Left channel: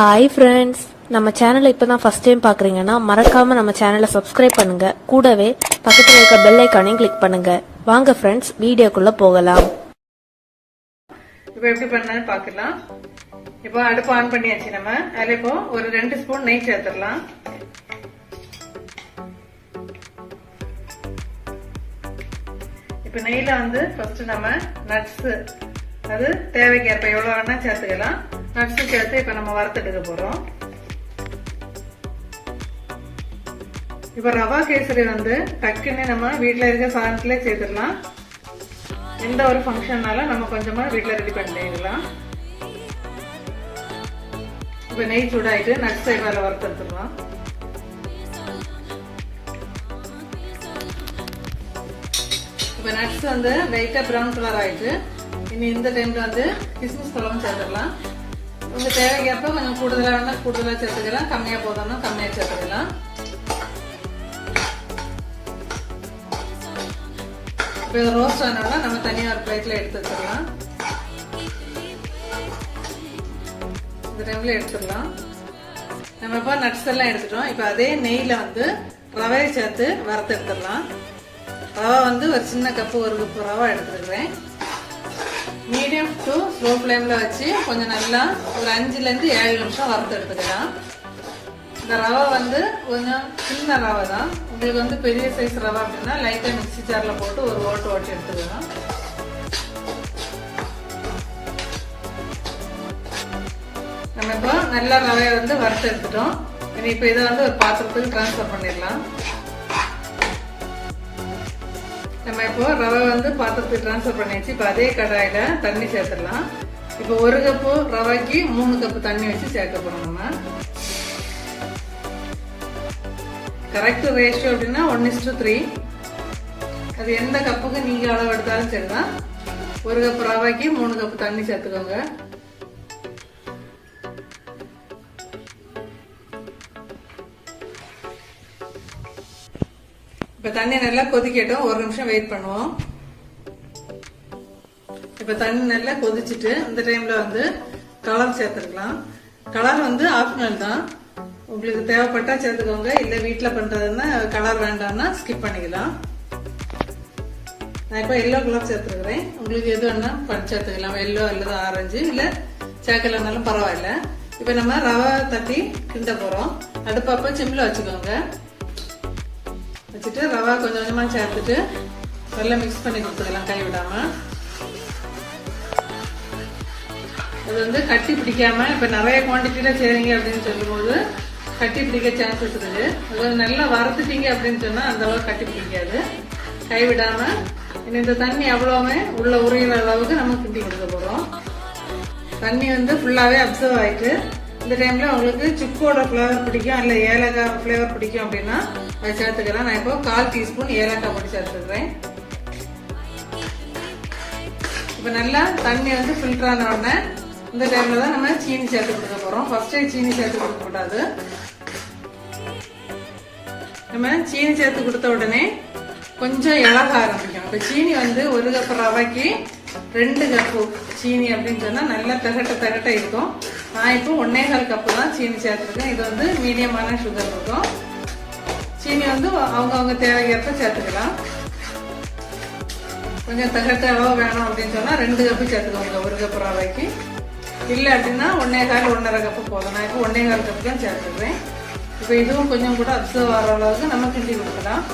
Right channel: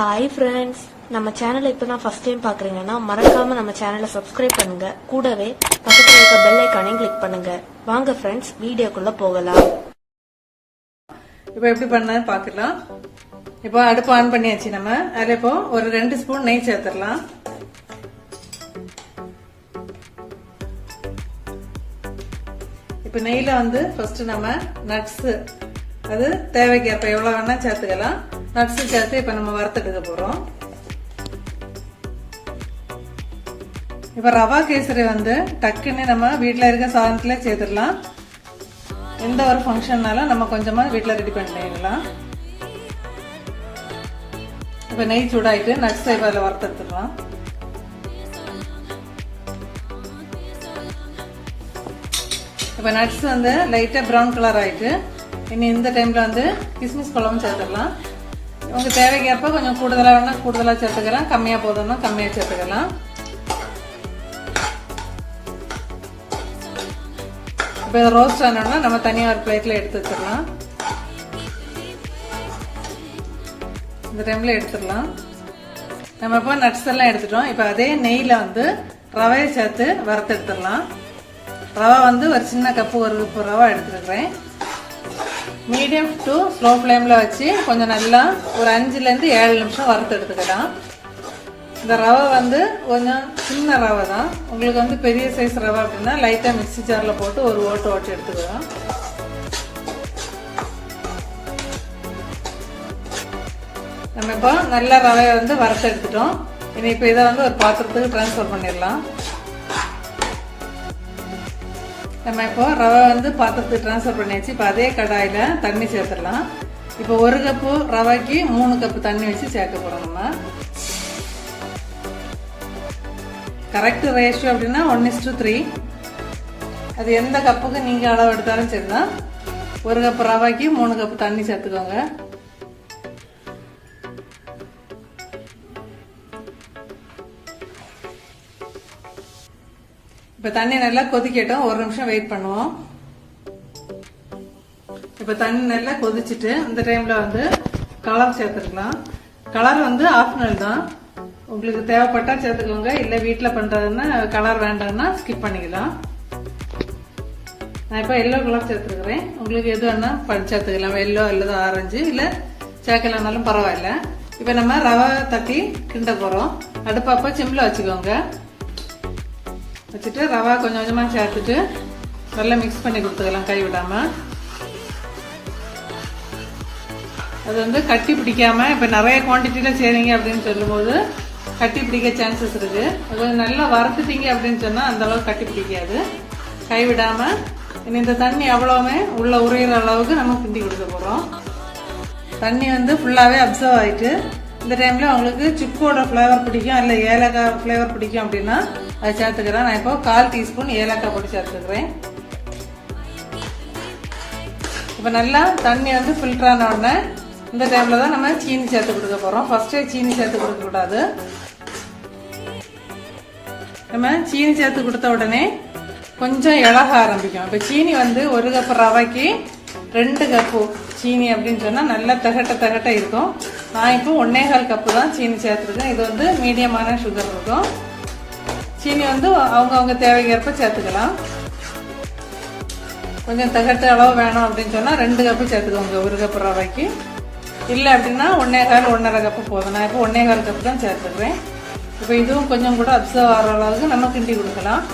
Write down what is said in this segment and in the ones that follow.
Hi friends, நம்ம சேனலை இப்போ தான் ஃபர்ஸ்ட் டைம் பார்க்குறீங்கன்னா மறக்காமல் நம்ம சேனலை சப்ஸ்கிரைப் பண்ணுங்கள். கூடவே பக்கத்தில் இருக்க பெல் ஐக்கானையும் கிளிக் பண்ணுங்கள். வாங்க ஃப்ரெண்ட்ஸ், வீடியோக்குள்ளே போகலாம். இப்போ எப்படி பண்ண பார்க்கலாம். இப்போ அடுப்பு ஆன் பண்ணியாச்சு. நம்ம அதில் இப்போ ஒரு 2 ஸ்பூன் நெய் சேர்த்துடலாம். இப்போ நெய்ல வந்து ஃபர்ஸ்ட் நம்ம நட்ஸ், அது தேவைக்கேற்ப எவ்வளவு வேணா சேர்த்துக்கலாம். நட்ஸ் சேர்த்து இப்ப நம்ம வறுத்துட்டு போறோம். இப்ப ரவா கேசரி வந்து டக்குன்னு நம்ம வீட்டுல இருக்க சாதனத்துல சேர்த்துடலாம். எந்த ஒரு ஃபங்க்ஷன்னாலும் நம்ம கொஞ்சமா வீட்டுல ரெடி பண்ணிடலாம். இப்ப நெய் சூடாயிட்டு நட்ஸ் இப்ப வறுத்துடலாம். இப்ப நட்ஸ் வந்து லைட்டா பிரவுன் கலர் ஆயிட்டு இனி இந்த டைம்ல வந்து கிஸ்மிஸ் பழம் சேர்த்துக்கலாம். உங்க தேவைக்கேற்ப கொஞ்சம் கூடுதலா வேணா கூடுதலா சேர்த்துக்கலாம், கம்மியா போதும்னா கம்மியா சேர்த்துக்கலாம். இப்ப ரோஸ்ட் ஆனோம்னா நம்ம தனியா ஒரு பிளேட்ல எடுத்து வச்சிடலாம். இந்த டைம்ல எடுத்துடலாம். நம்ம இப்ப நட்ஸ் எல்லாம் எடுத்துட்டோம். இப்ப அதே நெய்ல வந்து ரவையை சேர்த்து வறுத்து எடுத்துடலாம். ரவை வந்து ஒரு சின்ன கப்பு, ஒரு கப்பு ரவை எடுத்துருக்கேன். மீடியம் டு ஸ்லோ ஃப்ளேம்ல வச்சு கொஞ்சம் நல்லா ஒரு 5 to 7 நிமிஷம் வறுத்து எடுத்துக்கலாம். இந்த ரவை வந்து கொஞ்சம் சின்ன ரவை தான். உங்களுக்கு வந்து பெரிய சைஸ் ரவை அப்படின்னா லைட்டா மிக்ஸி ஜார்ல போட்டு ஒரு ஓட்டு எடுத்துக்கலாம். நம்ம இப்போ நல்லா ரவையை வந்து வறுத்து எடுத்துட்டோம். இனி இப்போ இதை வந்து ஒரு பாத்திரத்துக்கு டிரான்ஸ்ஃபர் பண்ணிடலாம். நம்ம இப்போ ரவை வந்து பாத்திரத்துக்கு டிரான்ஸ்ஃபர் பண்ணியாச்சு. இப்போ அதே கடாயில தண்ணி சேர்த்துடலாம். இப்போ 1 கப்பு ரவைக்கு 3 கப்பு தண்ணி வச்சு சேர்க்க போறோம். நம்ம கரெக்ட் ரேஷியோ அப்படின்னா 1:3. அது எந்த கப்புக்கு நீங்க அளவு எடுத்தாலும் சரிதான். 1 கப்பு ரவைக்கு 3 கப்பு தண்ணி சேர்த்துக்கோங்க. இப்ப தண்ணி நல்லா கொதிக்கட்டும், 1 நிமிஷம் வெயிட் பண்ணுவோம். இப்ப தண்ணி நல்லா கொதிச்சுட்டு இந்த டைம்ல வந்து கலர் சேர்த்துக்கலாம். கலர் வந்து ஆப்ஷனல் தான், உங்களுக்கு தேவைப்பட்டா சேர்த்துக்கோங்க. இல்ல வீட்டுல பண்றதுன்னா கலர் வேண்டாம்னா ஸ்கிப் பண்ணிக்கலாம். நான் இப்ப எல்லோ கலர் சேர்த்துக்கிறேன். உங்களுக்கு எது வேணா சேர்த்துக்கலாம். எல்லோ அல்லது ஆரஞ்சு, இல்ல சேர்க்கலனாலும் பரவாயில்ல. இப்ப நம்ம ரவை தட்டி கிண்ட போறோம். அடுப்பப்ப சிம்ல வச்சுக்கோங்க. வச்சுட்டு ரவா கொஞ்சம் கொஞ்சமா சேர்த்துட்டு நல்லா மிக்ஸ் பண்ணி கொடுத்துக்கலாம் கை விடாம. அது வந்து கட்டி பிடிக்காம, இப்ப நிறைய குவான்டிட்டியில செய்றீங்க அப்படின்னு சொல்லும் போது கட்டி பிடிக்க சான்சஸ் இருக்கு. அது நல்லா வறுத்துட்டீங்க அப்படின்னு சொன்னா அந்த அளவுக்கு கட்டி பிடிக்காது. கை விடாம இந்த தண்ணி எவ்வளவுமே உள்ள உரையிற அளவுக்கு நம்ம கிண்டி கொடுக்க போறோம். தண்ணி வந்து ஃபுல்லாவே அப்சர்வ் ஆயிட்டு இந்த டைம்ல உங்களுக்கு சுக்கோட ஃபிளேவர் பிடிக்கும், இல்ல ஏலக்காய் ஃபிளேவர் பிடிக்கும் அப்படின்னா அதை சேர்த்துக்கிறேன். நான் இப்போ 1/4 டீஸ்பூன் ஏலக்காய் பொடி சேர்த்துக்கிறேன். இப்ப நல்லா தண்ணி வந்து ஃபில்டர் ஆன உடனே இந்த டைம்ல தான் நம்ம சீனி சேர்த்து கொடுக்க போறோம். ஃபர்ஸ்டே சீனி சேர்த்து கொடுக்க கூடாது. நம்ம சீனி சேர்த்து கொடுத்த உடனே கொஞ்சம் இழக்க ஆரம்பிக்கும். இப்ப சீனி வந்து 1 கப்பு ரவைக்கு 2 கப்பு சீனி அப்படின்னு சொன்னா நல்லா தகட்ட இருக்கும். நான் இப்போ 1.25 கப்பு தான் சீனி சேர்த்துருக்கேன். இது வந்து மீடியமான சுகர் இருக்கும். சீனி வந்து அவங்க தேவைக்கேற்ப சேர்த்துக்கலாம். கொஞ்சம் தகட்ட அளவு வேணும் அப்படின்னு சொன்னா 2 கப்பு சேர்த்துக்கோங்க 1 கப்பு ரவைக்கு. இல்ல அப்படின்னா 1.25 கப்பு போதும். நான் இப்போ 1.25 கப்பு தான் சேர்த்துக்கிறேன். இப்ப இதுவும் கொஞ்சம் கூட அப்சர்வ் ஆகிற அளவுக்கு நம்ம கிண்டி கொடுக்கலாம்.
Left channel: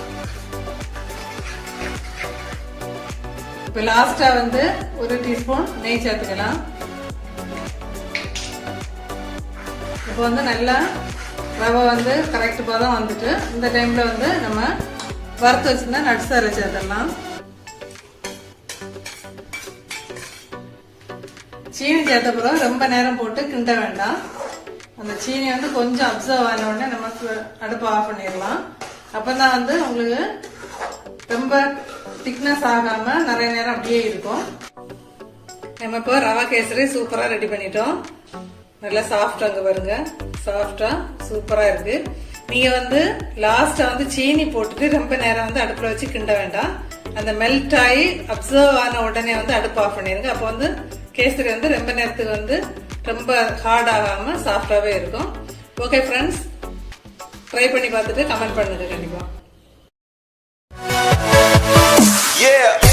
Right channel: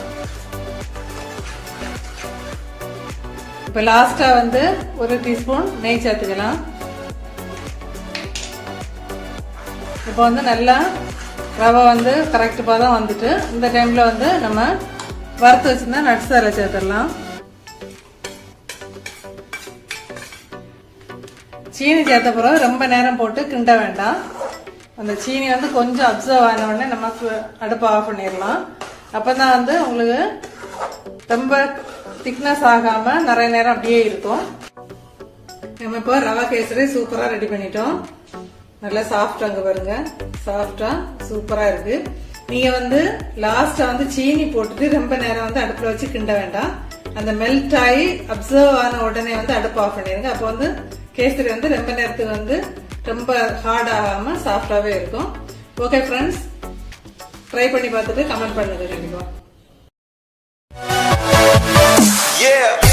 இப்ப லாஸ்டா வந்து 1 டீஸ்பூன் நெய் சேர்த்துக்கலாம். இப்ப வந்து நல்லா ரவை வந்து கரெக்ட் பாதம் வந்துட்டு இந்த டைம்ல வந்து நம்ம வறுத்து வச்சிருந்தா நட்ஸ் அதில் சேர்த்துடலாம். சீனி சேர்த்த பிறகு ரொம்ப நேரம் போட்டு கிண்ட வேண்டாம். அந்த சீனி வந்து கொஞ்சம் அப்சர்வ் ஆன உடனே நம்ம அடுப்பை ஆஃப் பண்ணிடலாம். அப்பதான் வந்து உங்களுக்கு ரொம்ப திக்னஸ் ஆகாம நிறைய நேரம் அப்படியே இருக்கும். நம்ம இப்போ ரவா கேசரி சூப்பரா ரெடி பண்ணிட்டோம். நல்லா சாஃப்டா பாருங்க, சாஃப்டா சூப்பரா இருக்கு. நீங்க வந்து லாஸ்டா வந்து சீனி போட்டுட்டு ரொம்ப நேரம் வந்து அடுப்புல வச்சு கிண்ட வேண்டாம். அந்த மெல்ட் ஆகி அப்சர்வ் ஆன உடனே வந்து அடுப்பு ஆஃப் பண்ணிருங்க. அப்போ வந்து கேசரி வந்து ரொம்ப நேரத்துக்கு வந்து ரொம்ப ஹார்ட் ஆகாம சாஃப்டாவே இருக்கும். ஓகே ஃப்ரெண்ட்ஸ், ட்ரை பண்ணி பார்த்துட்டு கமெண்ட் பண்ணுங்க கண்டிப்பா. Yeah.